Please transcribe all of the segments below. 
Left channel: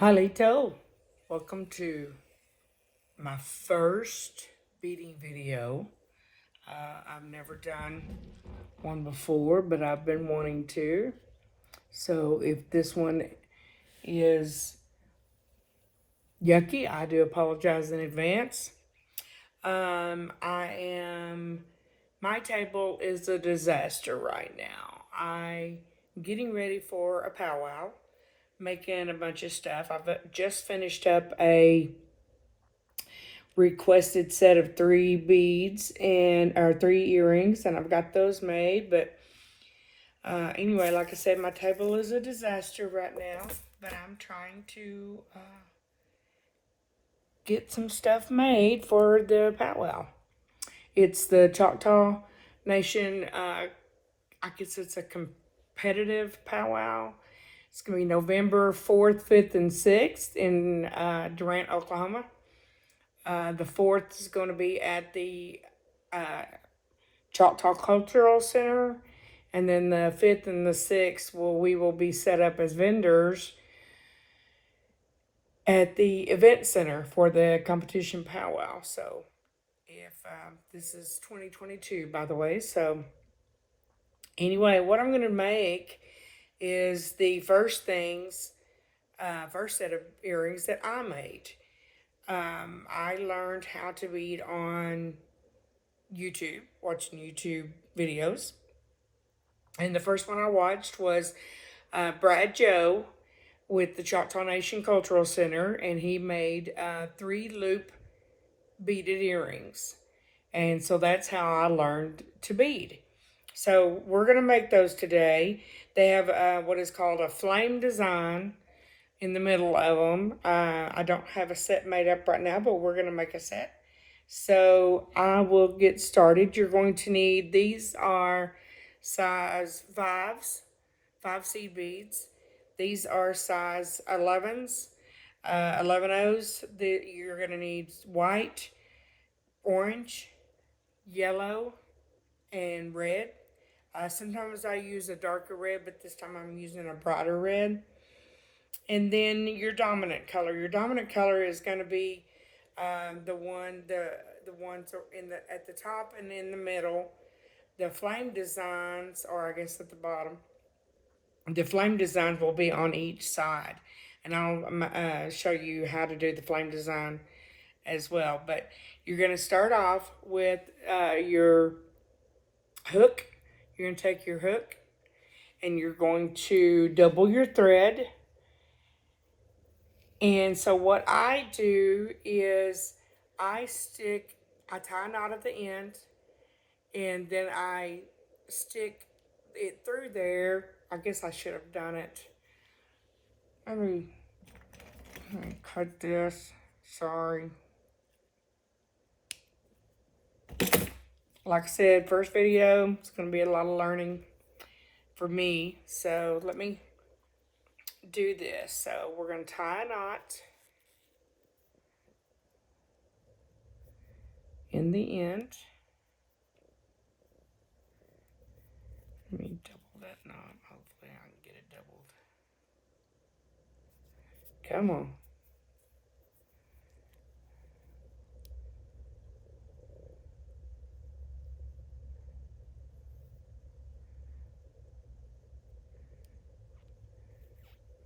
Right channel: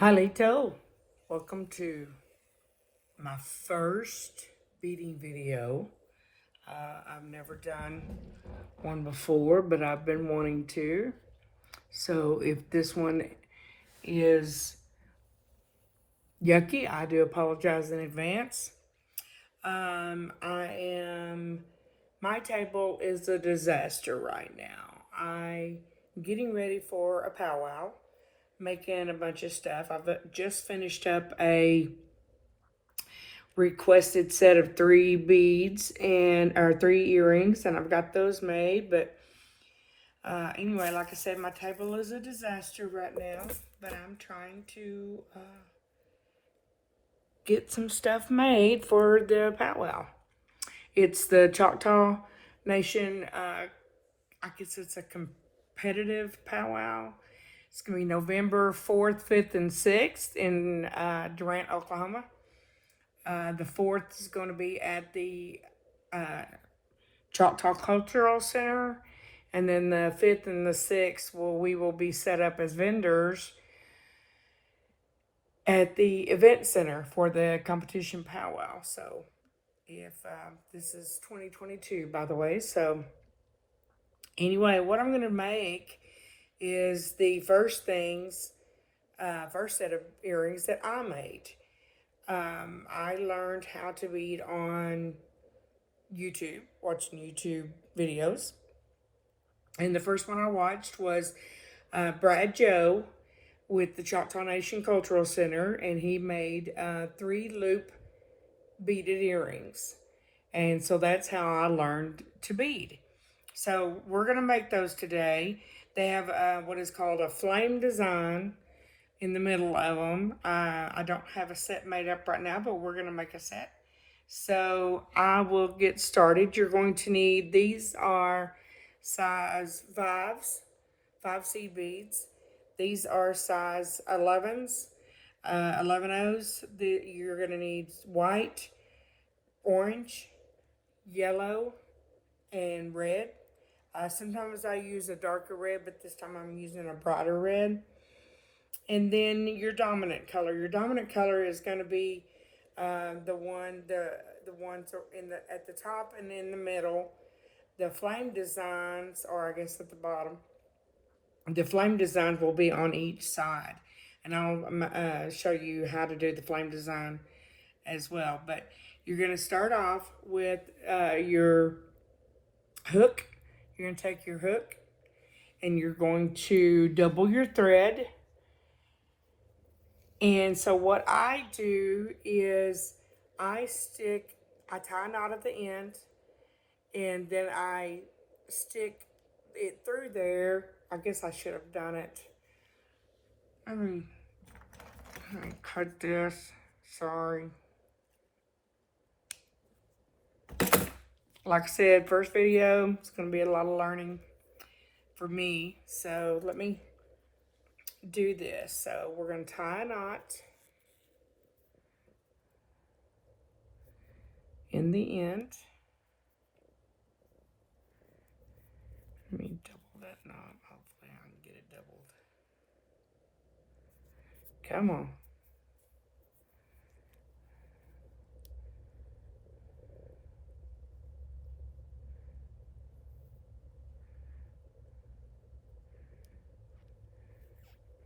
Halito, welcome to my first beading video. I've never done one before, but I've been wanting to. So if this one is yucky, I do apologize in advance. My table is a disaster right now. I'm getting ready for a powwow, making a bunch of stuff. I've just finished up a requested set of 3 beads and or 3 earrings, and I've got those made. But anyway, like I said, my table is a disaster right now, but I'm trying to get some stuff made for the powwow. It's the Choctaw Nation. I guess it's a competitive powwow. It's going to be November 4th, 5th, and 6th in Durant, Oklahoma. The 4th is going to be at the Choctaw Cultural Center. And then the 5th and the 6th, we will be set up as vendors at the event center for the competition powwow. So if this is 2022, by the way. So anyway, what I'm going to make is the first set of earrings that I made. I learned how to bead on YouTube, watching YouTube videos. And the first one I watched was Brad Joe with the Choctaw Nation Cultural Center, and he made 3-loop beaded earrings. And so that's how I learned to bead. So we're going to make those today. They have what is called a flame design in the middle of them. I don't have a set made up right now, but we're going to make a set. So I will get started. You're going to need, these are size 5s, 5 seed beads. These are size 11s, 11Os. You're going to need white, orange, yellow, and red. Sometimes I use a darker red, but this time I'm using a brighter red. And then your dominant color. Your dominant color is going to be the ones at the top and in the middle. The flame designs are, I guess, at the bottom. The flame designs will be on each side, and I'll show you how to do the flame design as well. But you're going to start off with your hook. You're going to take your hook, and you're going to double your thread. And so what I do is I tie a knot at the end, and then I stick it through there. I guess I should have done it. Let me cut this. Sorry. Like I said, first video, it's going to be a lot of learning for me. So let me do this. So we're going to tie a knot in the end. Let me double that knot. Hopefully I can get it doubled. Come on.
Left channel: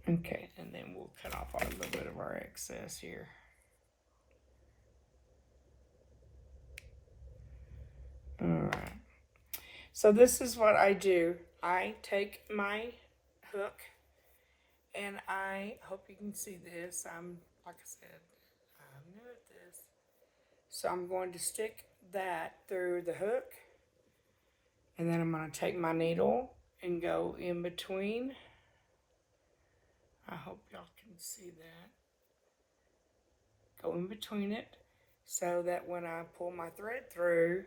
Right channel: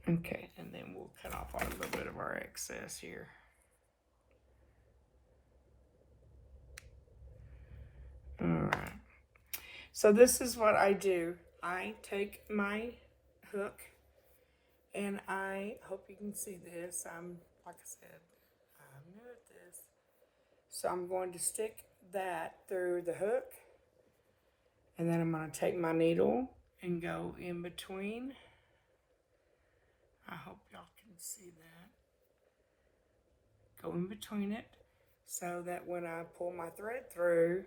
Okay, and then we'll cut off a little bit of our excess here. Alright. So this is what I do. I take my hook, and I hope you can see this. Like I said, I'm new at this. So I'm going to stick that through the hook, and then I'm going to take my needle and go in between. I hope y'all can see that. Go in between it so that when I pull my thread through,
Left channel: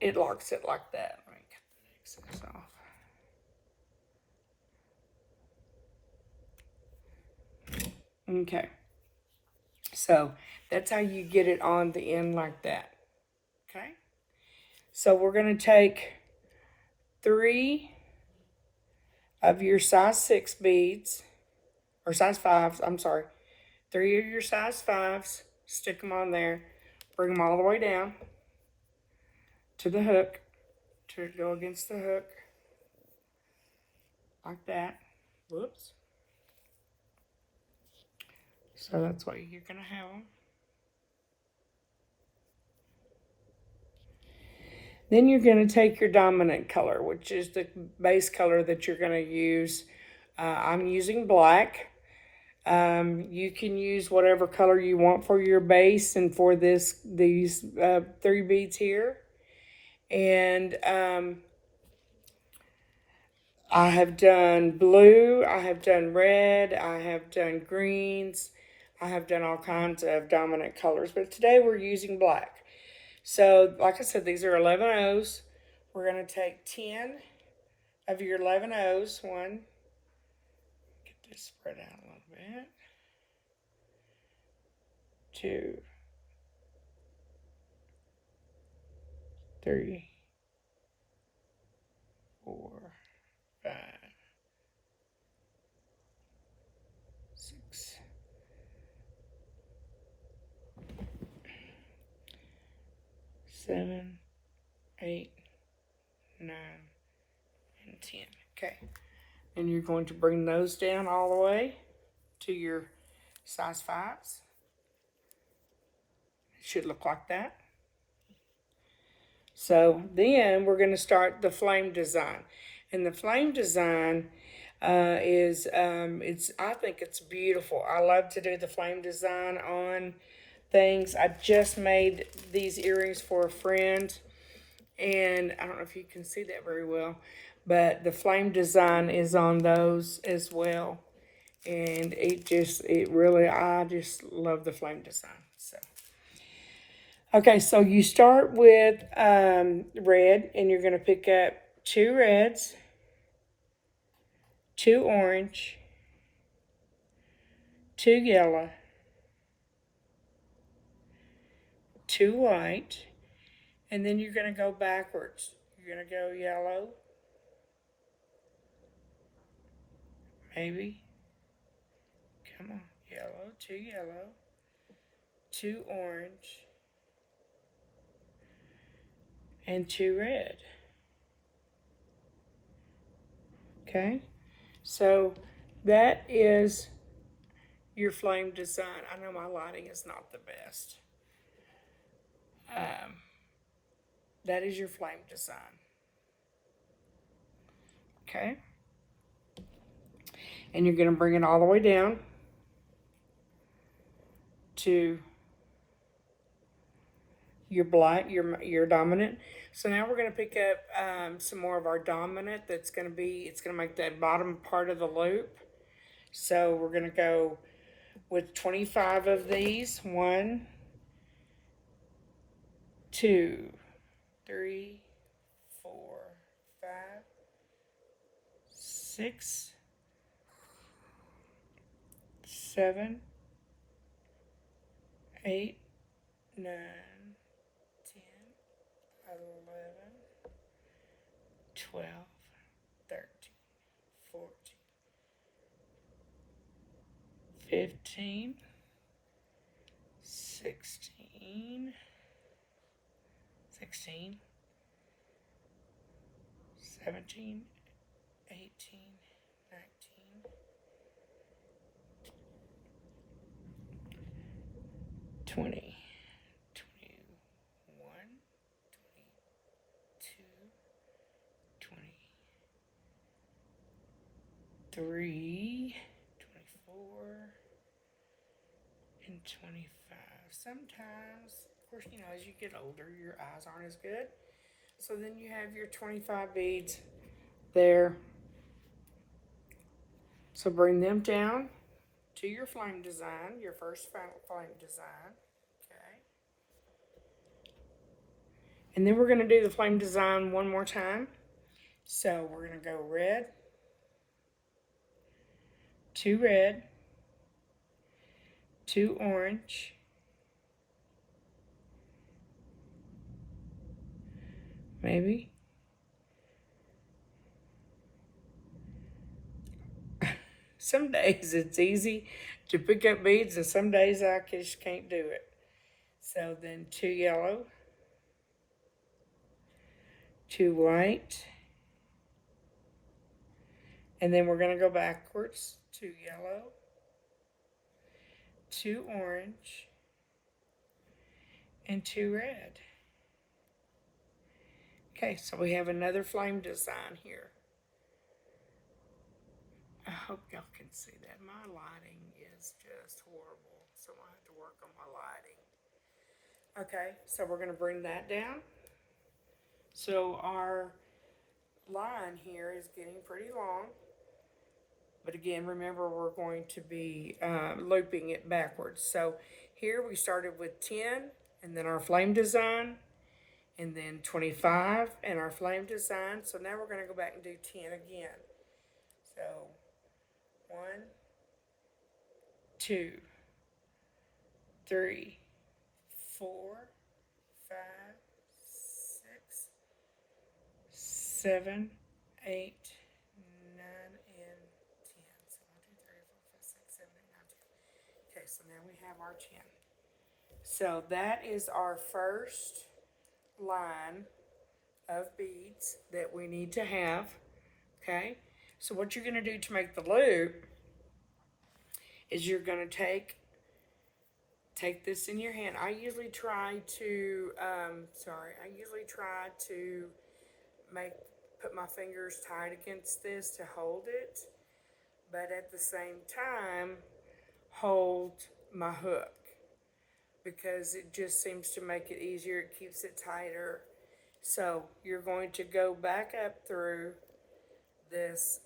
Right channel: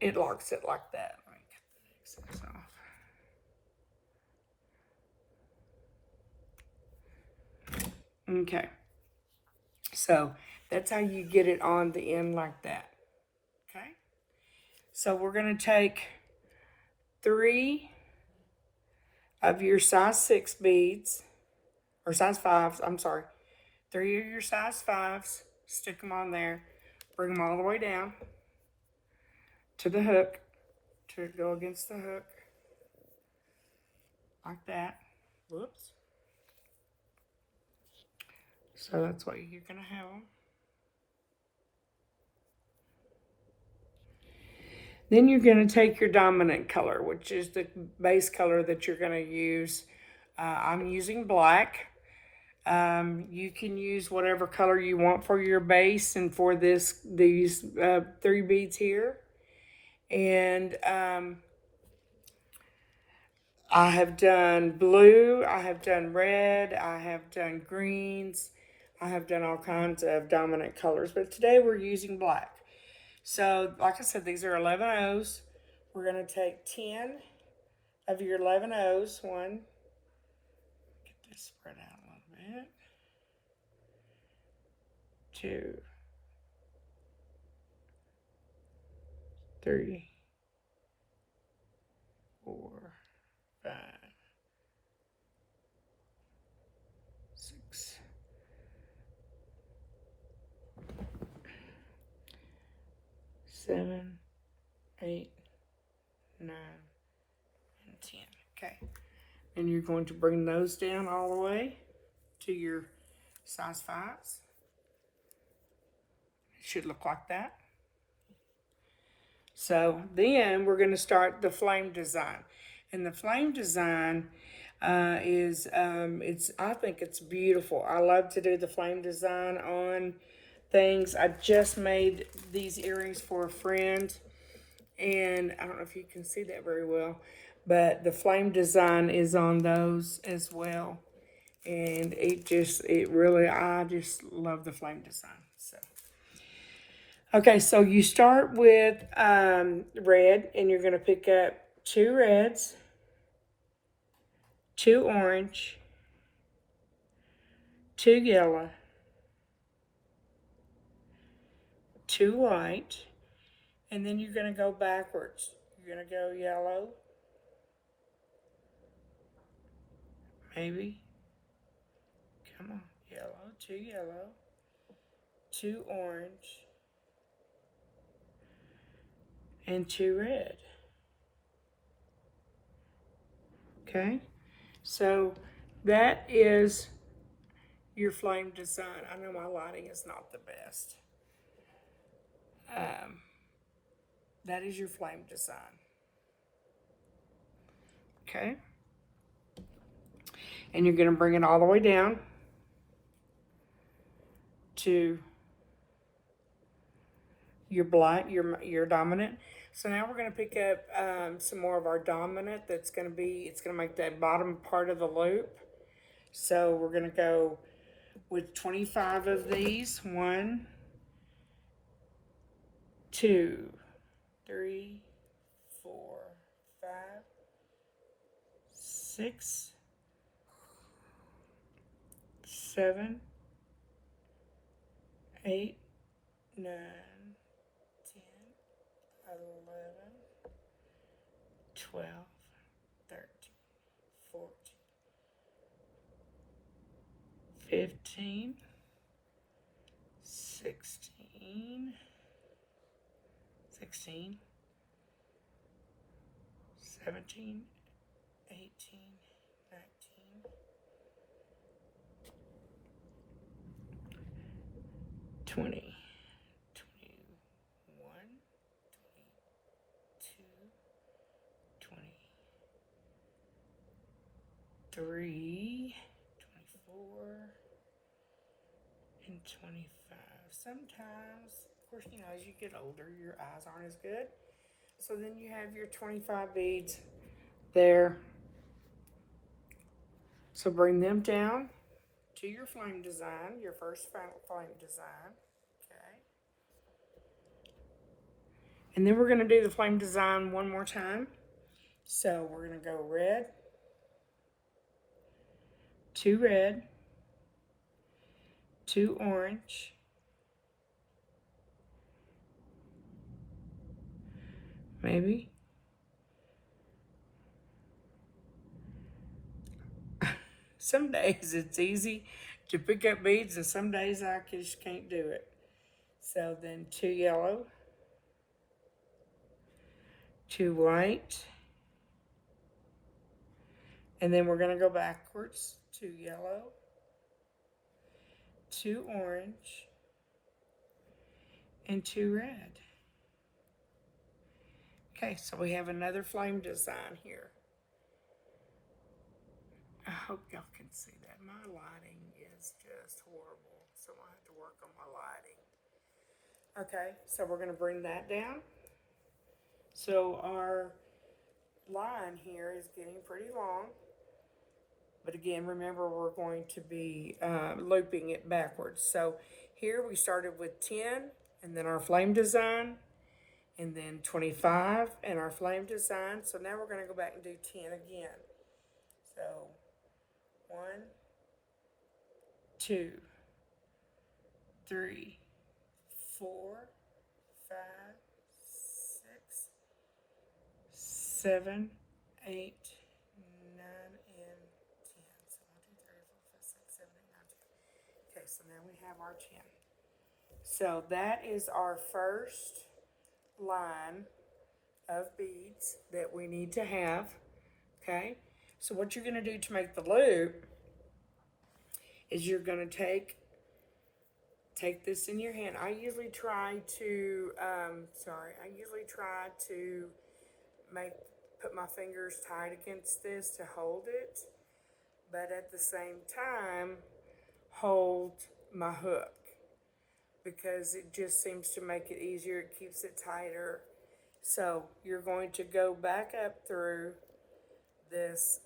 it locks it like that. Let me cut the excess off. Okay. So that's how you get it on the end like that. Okay. So we're going to take 3 of your size 6 beads, or size 5s, I'm sorry. 3 of your size 5s, stick them on there, bring them all the way down to the hook, to go against the hook, like that. Whoops. So that's what you're going to have them. Then you're going to take your dominant color, which is the base color that you're going to use. I'm using black. You can use whatever color you want for your base and for these 3 beads here. And I have done blue, I have done red, I have done greens, I have done all kinds of dominant colors, but today we're using black. So, like I said, these are 11 O's. We're going to take 10 of your 11 O's. One, get this spread out a little bit. 2, 3, 4, 5, 6, 7, 8, 9, and 10. Okay. And you're going to bring those down all the way to your size 5s. It should look like that. So then we're going to start the flame design. And the flame design I think it's beautiful. I love to do the flame design on things. I just made these earrings for a friend, and I don't know if you can see that very well, but the flame design is on those as well. And I just love the flame design. So, okay, so you start with red, and you're going to pick up 2 reds, 2 orange, 2 yellow, 2 white, and then you're going to go backwards. You're going to go yellow, maybe. Come on, yellow, 2 orange, and 2 red. Okay, so that is your flame design. I know my lighting is not the best. That is your flame design. Okay, and you're going to bring it all the way down to your black, your dominant. So now we're going to pick up some more of our dominant. It's going to make that bottom part of the loop. So we're going to go with 25 of these. 1, 2, 3, 4, 5, 6, 7, 8, 9, 10, 11, 12, 13, 14, 15, 16, 17, 18, 19, 20, 21, 22, 23, 24, and 25. Sometimes, of course, as you get older, your eyes aren't as good. So then you have your 25 beads there. So bring them down to your flame design, your first flame design. Okay. And then we're going to do the flame design one more time. So we're going to go red, 2 red, 2 orange, maybe, Some days it's easy to pick up beads, and some days I just can't do it. So then 2 yellow, 2 white, and then we're going to go backwards. 2 yellow, 2 orange, and 2 red. Okay, so we have another flame design here. I hope y'all can see that. My lighting is just horrible, so I have to work on my lighting. Okay, so we're going to bring that down. So our line here is getting pretty long. But again, remember we're going to be looping it backwards. So here we started with 10 and then our flame design, and then 25 and our flame design. So now we're going to go back and do 10 again. So 1, 2, 3, 4, 5, 6, 7, 8, 9, and 10. So 1, 2, 3, 4, 5, 6, 7, 8, 9, 10. Okay, so now we have our 10. So that is our first line of beads that we need to have. Okay, so what you're going to do to make the loop is you're going to take this in your hand. I usually try to put my fingers tight against this to hold it, but at the same time hold my hook, because it just seems to make it easier. It keeps it tighter. So you're going to go back up through this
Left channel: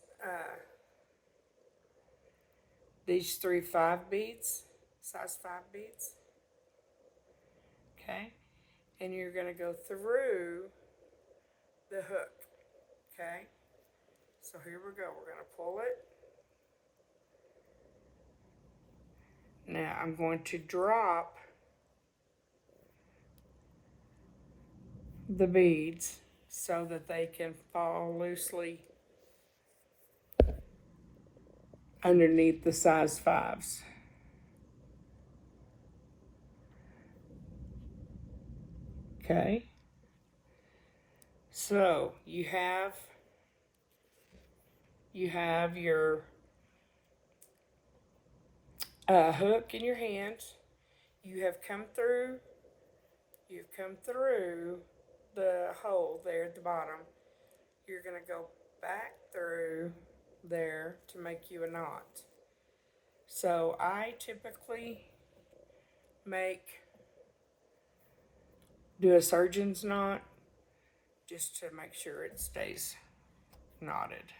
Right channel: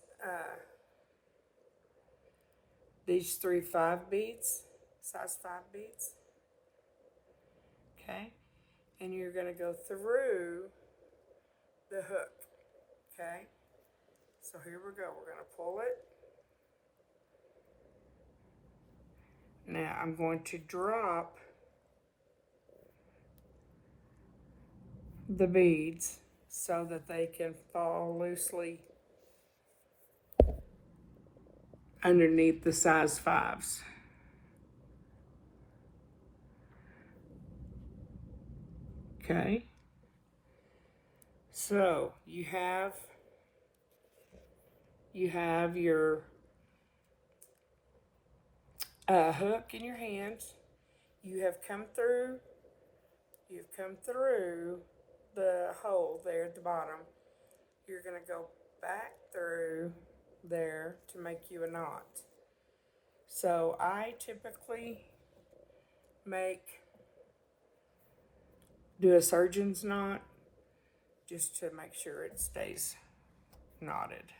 these 3 5 beads, size 5 beads. Okay, and you're going to go through the hook. Okay, so here we go. We're going to pull it. Now I'm going to drop the beads so that they can fall loosely underneath the size 5s. Okay, so you have your hook in your hands. You've come through the hole there at the bottom. You're going to go back through there to make you a knot. So I typically do a surgeon's knot just to make sure it stays knotted.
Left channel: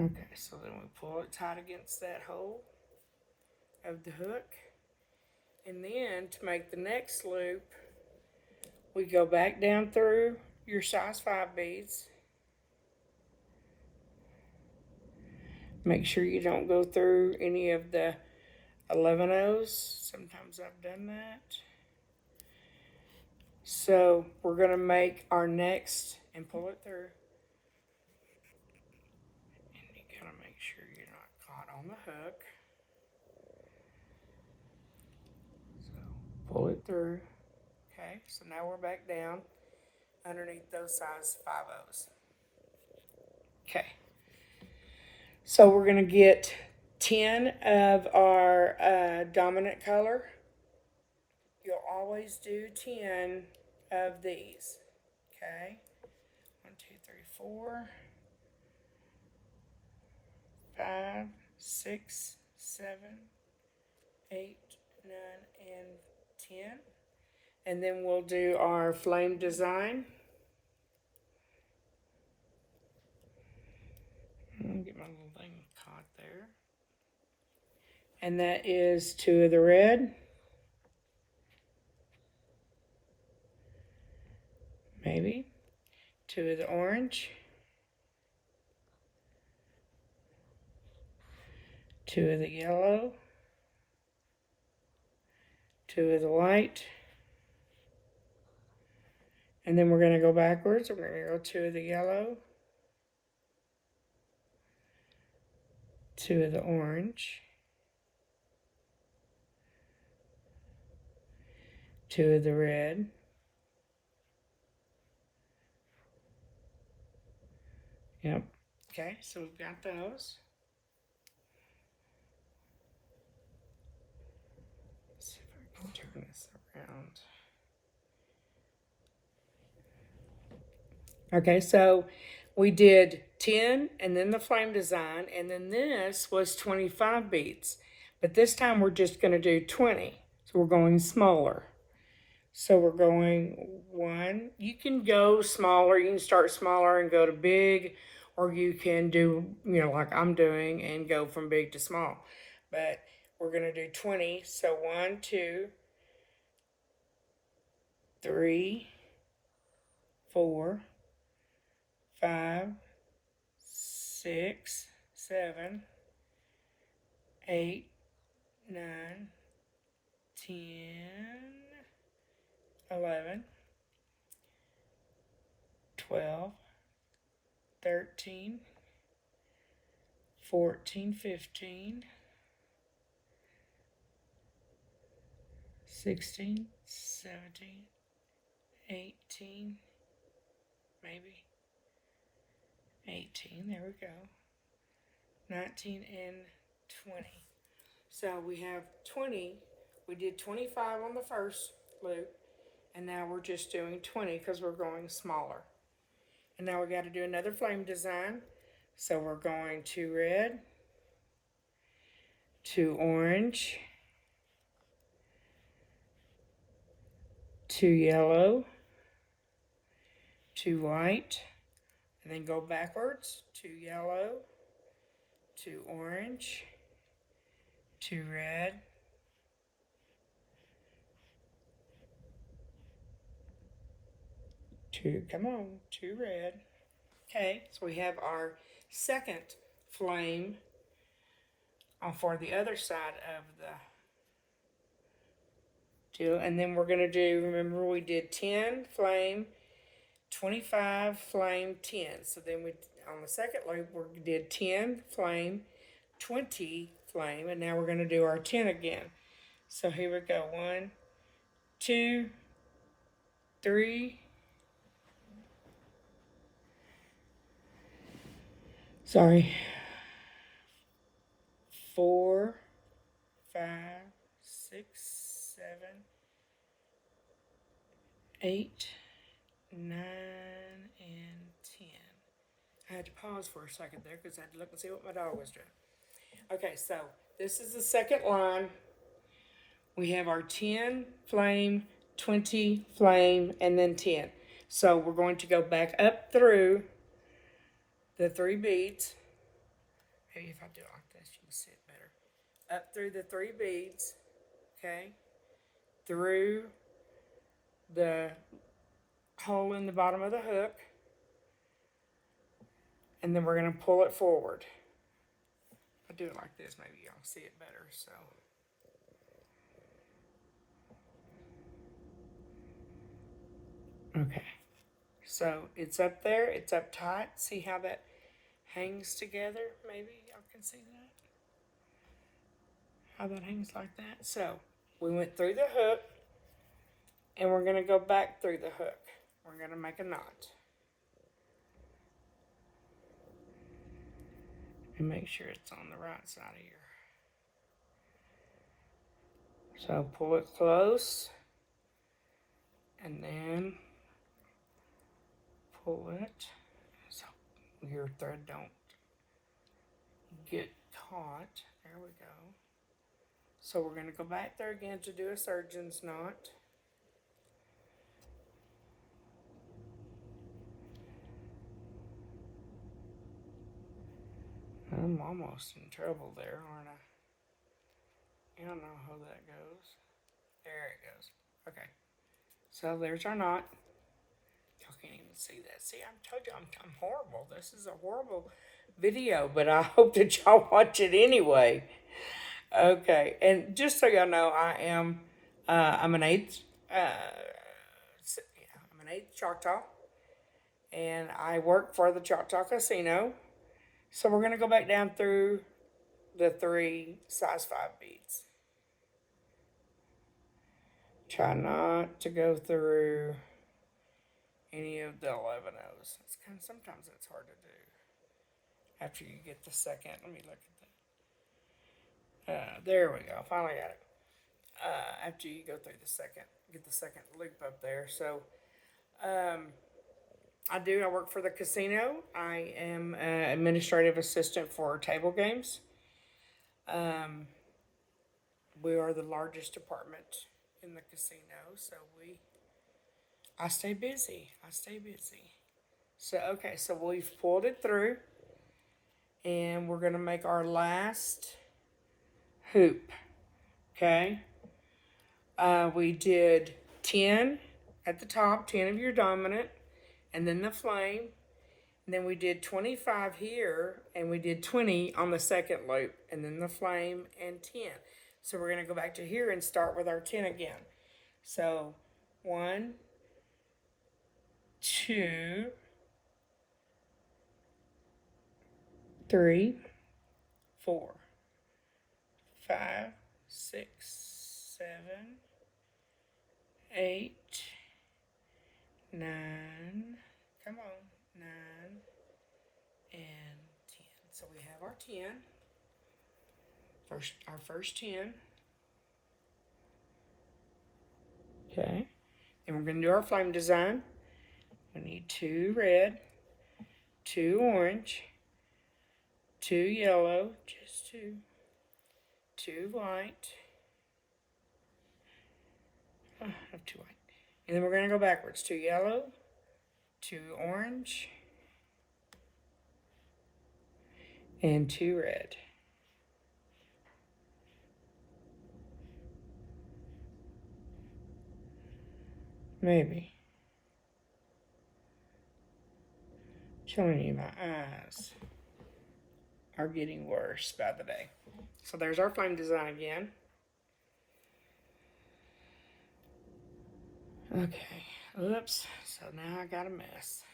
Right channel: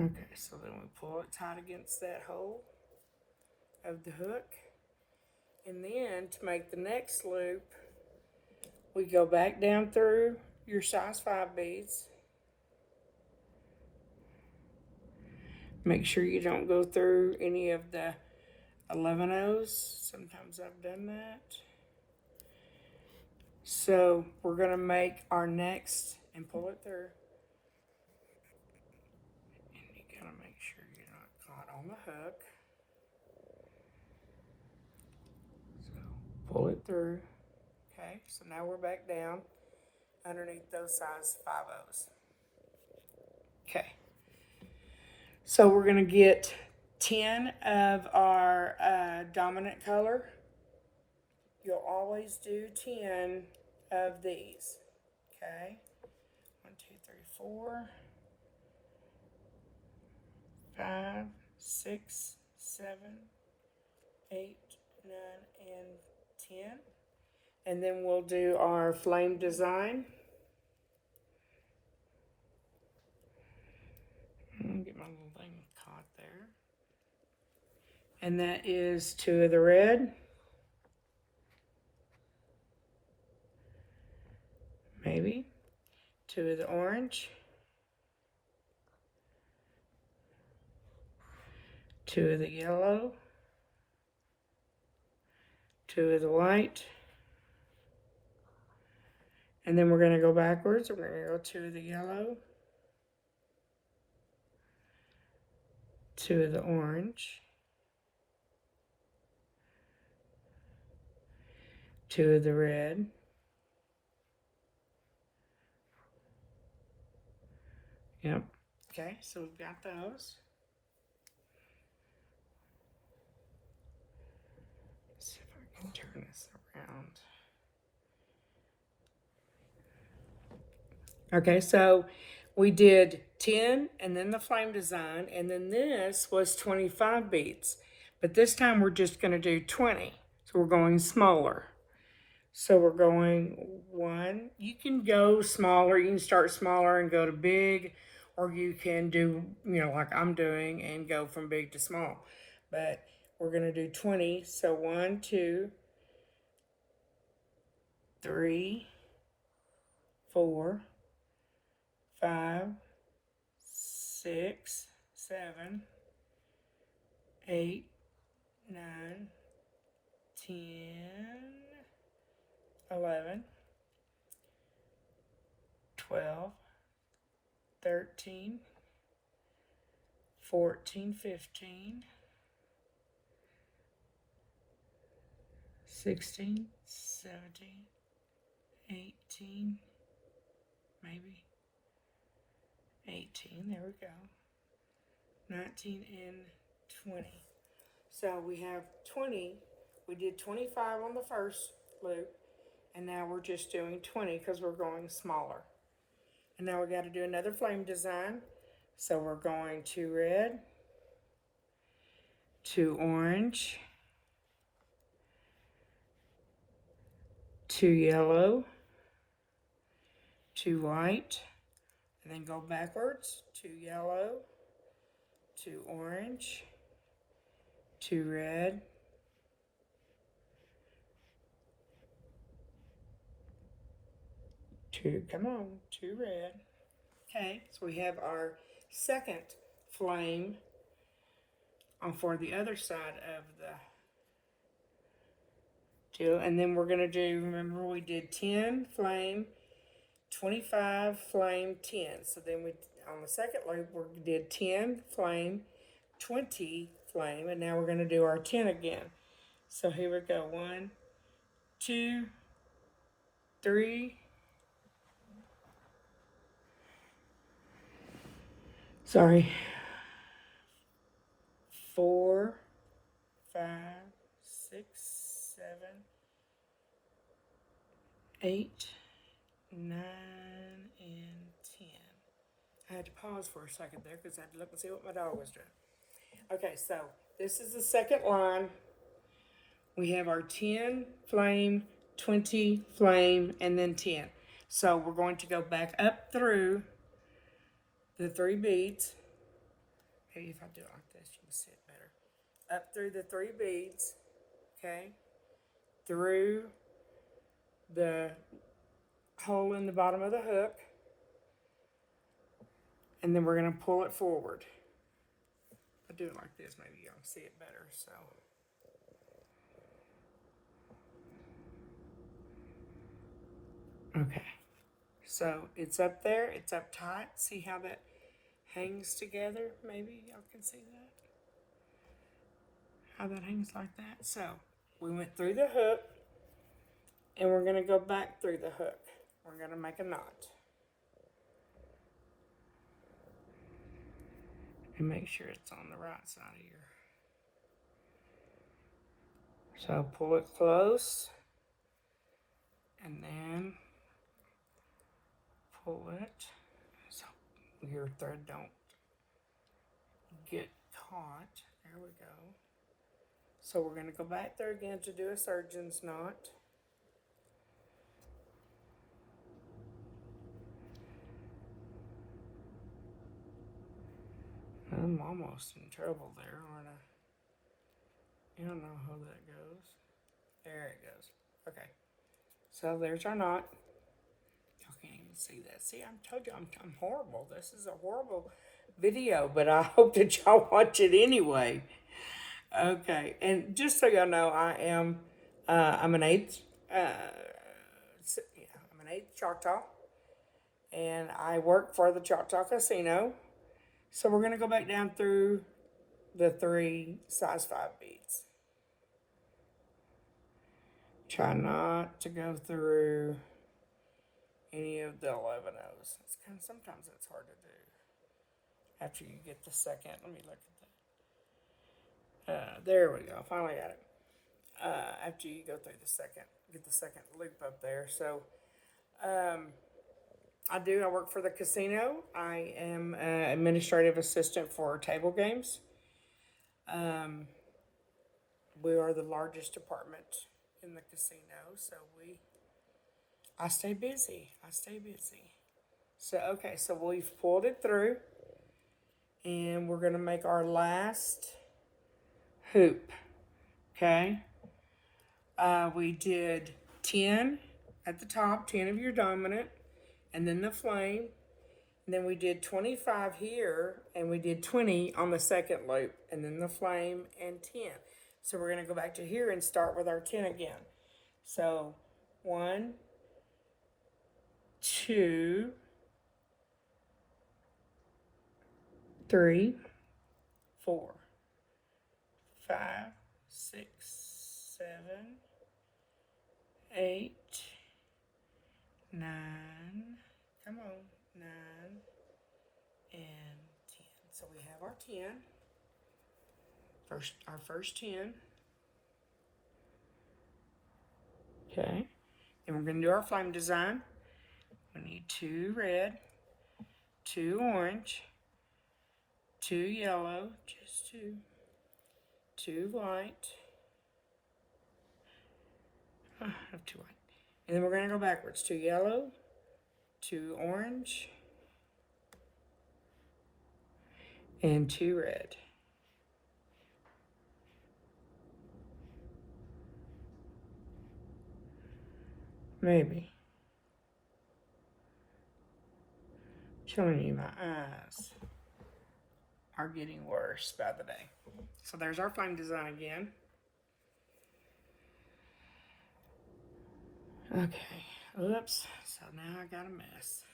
Okay, so then we pull it tight against that hole of the hook. And then to make the next loop, we go back down through your size 5 beads. Make sure you don't go through any of the 11-ohs. Sometimes I've done that. So we're going to make our next and pull it through. And you got to make sure you're not caught on the hook. So pull it through. Okay, so now we're back down underneath those size 5-ohs. Okay, so we're going to get 10 of our dominant color. You'll always do 10 of these. Okay, 1, 2, 3, 4, 5, 6, 7, 8, 9, and 10. And then we'll do our flame design. Get my little thing caught there. And that is 2 of the red. Maybe. 2 of the orange. 2 of the yellow. 2 of the white. And then we're going to go backwards. We're going to go 2 of the yellow, 2 of the orange, 2 of the red, yep. Okay, so we've got those. Let's see if I can turn this around. Okay, so we did 10 and then the flame design, and then this was 25 beads. But this time we're just going to do 20. So we're going smaller. So we're going 1. You can go smaller. You can start smaller and go to big, or you can do, like I'm doing and go from big to small. But we're going to do 20. So 1, 2, 3, 4, 5, 6, 7, 8, 9, 10, 11, 12, 13, 14, 15, 16, 17, 18, maybe 18, there we go, 19 and 20. So we have 20, we did 25 on the first loop, and now we're just doing 20 because we're going smaller. And now we got to do another flame design. So we're going 2 red, 2 orange, 2 yellow, 2 white, and then go backwards, 2 yellow, 2 orange, 2 red, 2, come on, 2 red. Okay, so we have our second flame for the other side of the deal. And then we're going to do, remember we did 10 flame, 25 flame, 10. So then we, on the second loop, we did 10 flame, 20 flame, and now we're going to do our 10 again. So here we go, 1, 2, 3, sorry, 4, 5, 6, 7, 8, 9, and 10. I had to pause for a second there because I had to look and see what my dog was doing. Okay, so this is the second line. We have our 10 flame, 20 flame, and then 10. So we're going to go back up through the 3 beads. Maybe if I do it like this, you can see it better. Up through the 3 beads, okay? Through the hole in the bottom of the hook. And then we're going to pull it forward. I'll do it like this, maybe y'all can see it better, so. Okay, so it's up there, it's up tight. See how that hangs together? Maybe y'all can see that. How that hangs like that. So we went through the hook, and we're going to go back through the hook. We're going to make a knot. And make sure it's on the right side here. So pull it close, and then pull it so your thread don't get caught. There we go. So we're going to go back there again to do a surgeon's knot. I'm almost in trouble there, aren't I? I don't know how that goes. There it goes. Okay. So there's our knot. Y'all can't even see that. See, I told you I'm horrible. This is a horrible video, but I hope that y'all watch it anyway. Okay, and just so y'all know, I'm an eighth in 8th Choctaw, and I work for the Choctaw Casino. So we're going to go back down through the 3 size 5 beads. Try not to go through any of the 11 O's. It's sometimes it's hard to do after you get the second. Let me look at that. There we go. Finally got it. After you go through the second, get the second loop up there. So I work for the casino. I am an administrative assistant for table games. We are the largest department in the casino, so I stay busy. So okay, so we've pulled it through, and we're gonna make our last hoop. Okay. We did 10 at the top, 10 of your dominant, and then the flame. And then we did 25 here, and we did 20 on the second loop, and then the flame and 10. So we're going to go back to here and start with our 10 again. So 1, 2, 3, 4, 5, 6, 7, 8, 9, come on, 9, and 10. So we have our 10, our first 10. Okay, then we're going to do our flame design. We need 2 red, 2 orange, 2 yellow, just 2 white. I have 2 white. And then we're going to go backwards. 2 yellow, 2 orange, and 2 red. Maybe. Killing me, my eyes are getting worse by the day. So there's our flame design again. Okay, oops, so now I got a mess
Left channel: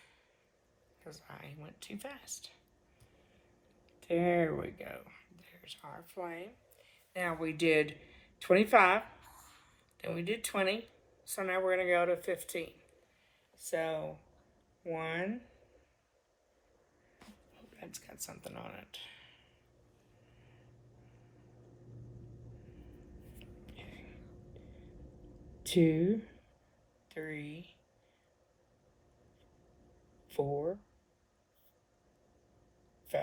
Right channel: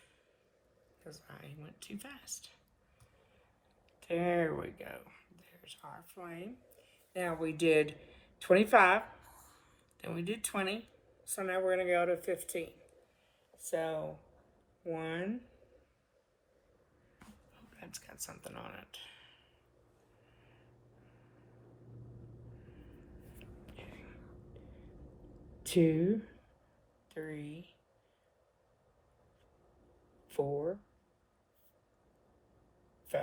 because I went too fast. There we go. There's our flame. Now we did 25, then we did 20, so now we're going to go to 15. So 1, that's got something on it. Okay. 2, 3, 4, 5,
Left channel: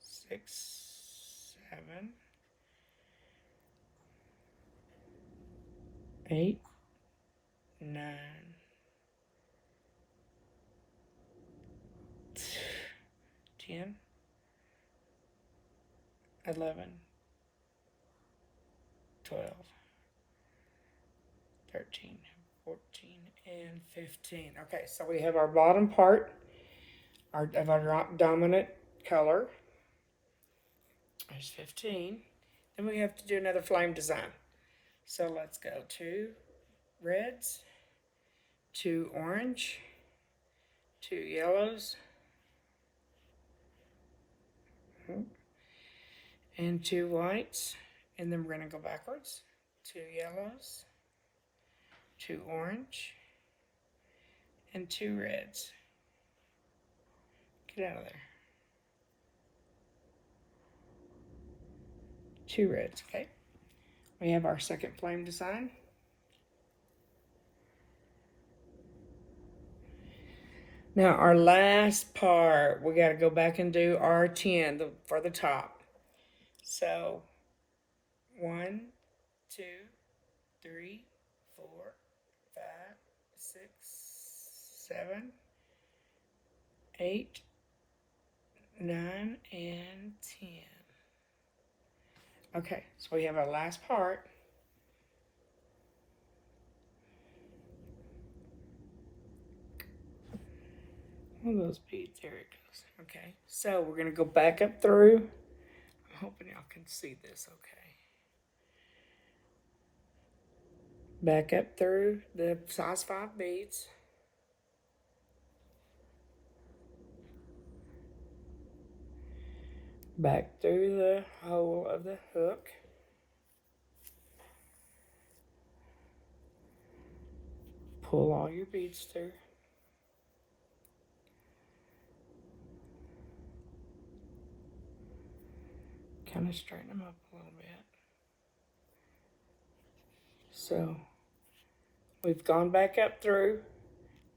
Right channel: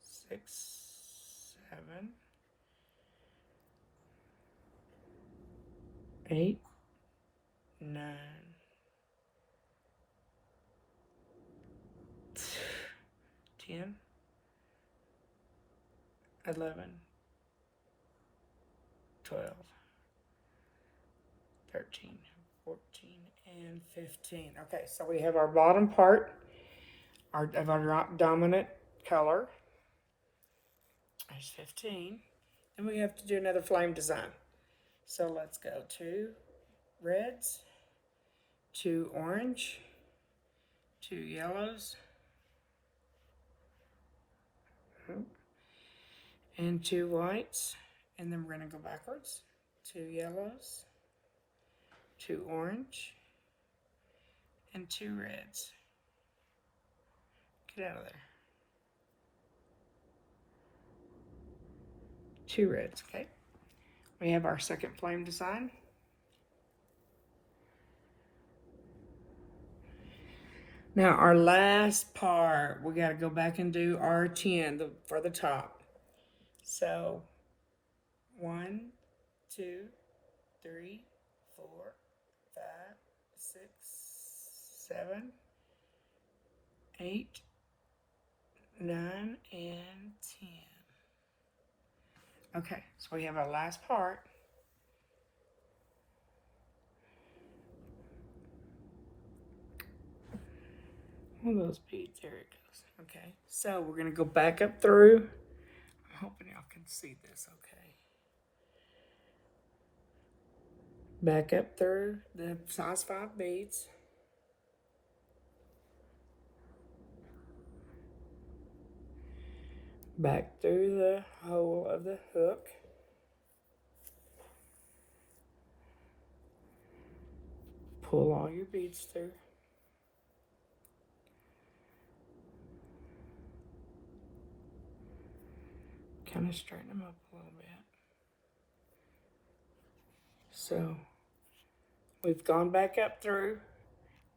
6, 7, 8, 9, 10, 11, 12, 13, 14, and 15. Okay, so we have our bottom part of our dominant color. There's 15. Then we have to do another flame design. So let's go 2 reds, 2 orange, 2 yellows, and 2 whites. And then we're going to go backwards. 2 yellows, 2 orange, and 2 reds. Get out of there. 2 reds, okay. We have our second flame design. Now our last part, we got to go back and do our 10 for the top. So 1, 2, 3, 4, 5, 6, 7, 8, 9, and 10. Okay, so we have our last part. One of those beads, there it goes. Okay, so we're going to go back up through. I'm hoping y'all can see this okay. Back up through the size 5 beads. back through the hole of the hook. Pull all your beads through. Kind of straighten them up a little bit. So we've gone back up through.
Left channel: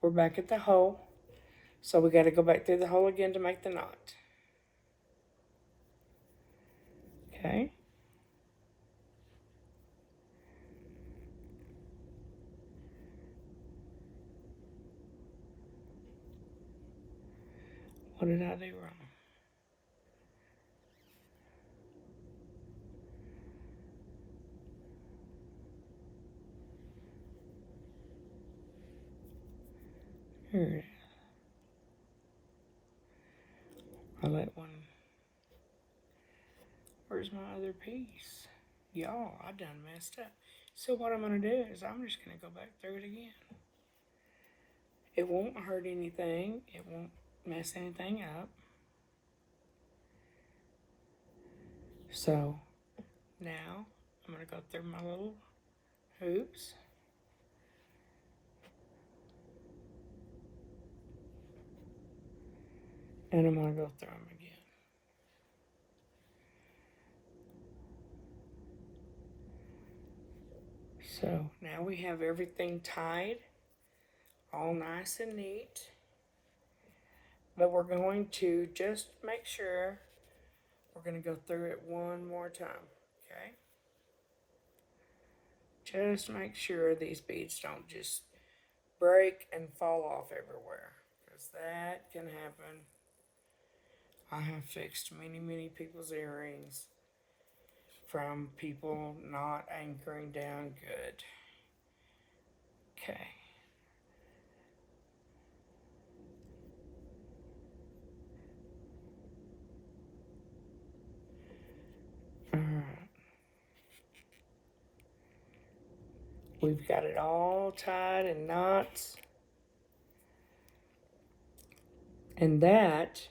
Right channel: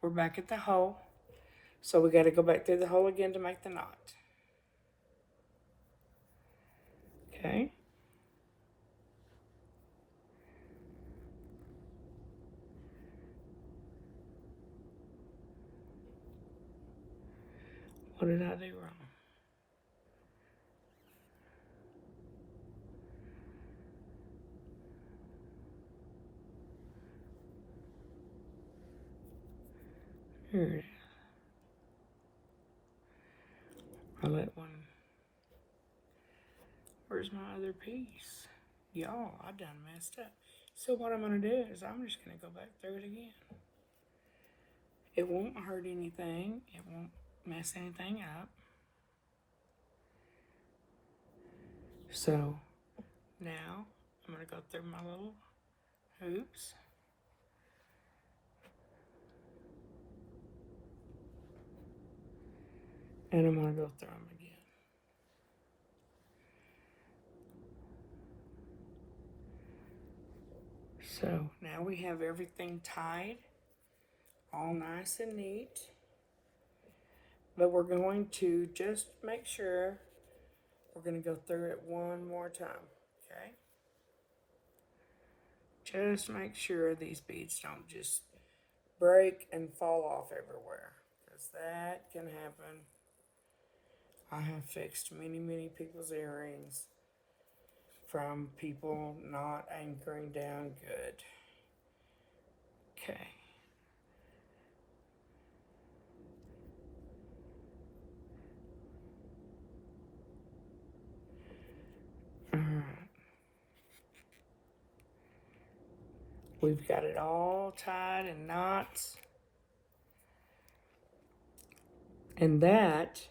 We're back at the hole. So we got to go back through the hole again to make the knot. Okay. What did I do wrong? Here it is. I let one. Where's my other piece? Y'all, I done messed up. So what I'm going to do is I'm just going to go back through it again. It won't hurt anything. It won't mess anything up. So now I'm going to go through my little hoops. And I'm going to go through them again. So now we have everything tied, all nice and neat. But we're going to just make sure we're going to go through it one more time, okay? Just make sure these beads don't just break and fall off everywhere, because that can happen. I have fixed many, many people's earrings from people not anchoring down good. Okay. We've got it all tied in knots. And that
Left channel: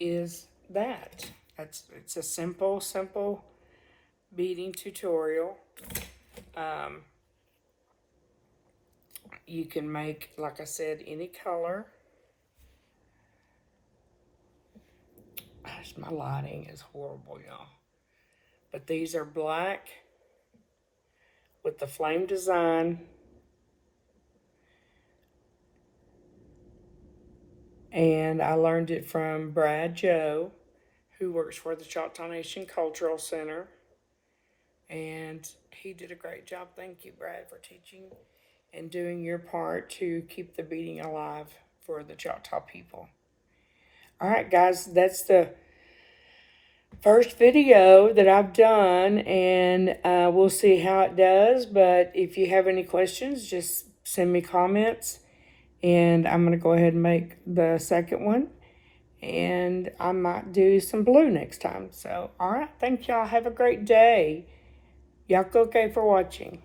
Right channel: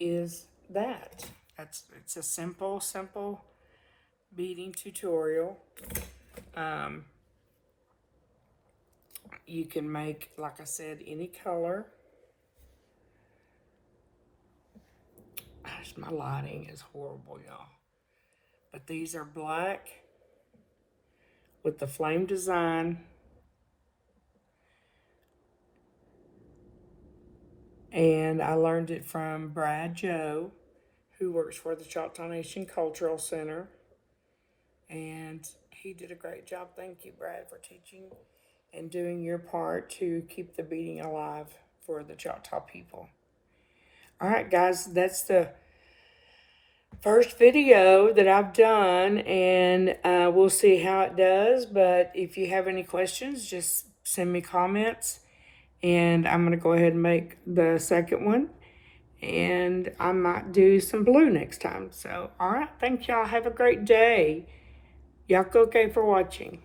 is that. It's a simple beading tutorial. You can make, like I said, any color. Gosh, my lighting is horrible, y'all. But these are black with the flame design. And I learned it from Brad Joe, who works for the Choctaw Nation Cultural Center. And he did a great job. Thank you, Brad, for teaching and doing your part to keep the beading alive for the Choctaw people. All right, guys, that's the first video that I've done, and we'll see how it does. But if you have any questions, just send me comments, and I'm going to go ahead and make the second one, and I might do some blue next time. So, all right, thank y'all. Have a great day. Y'all okay for watching.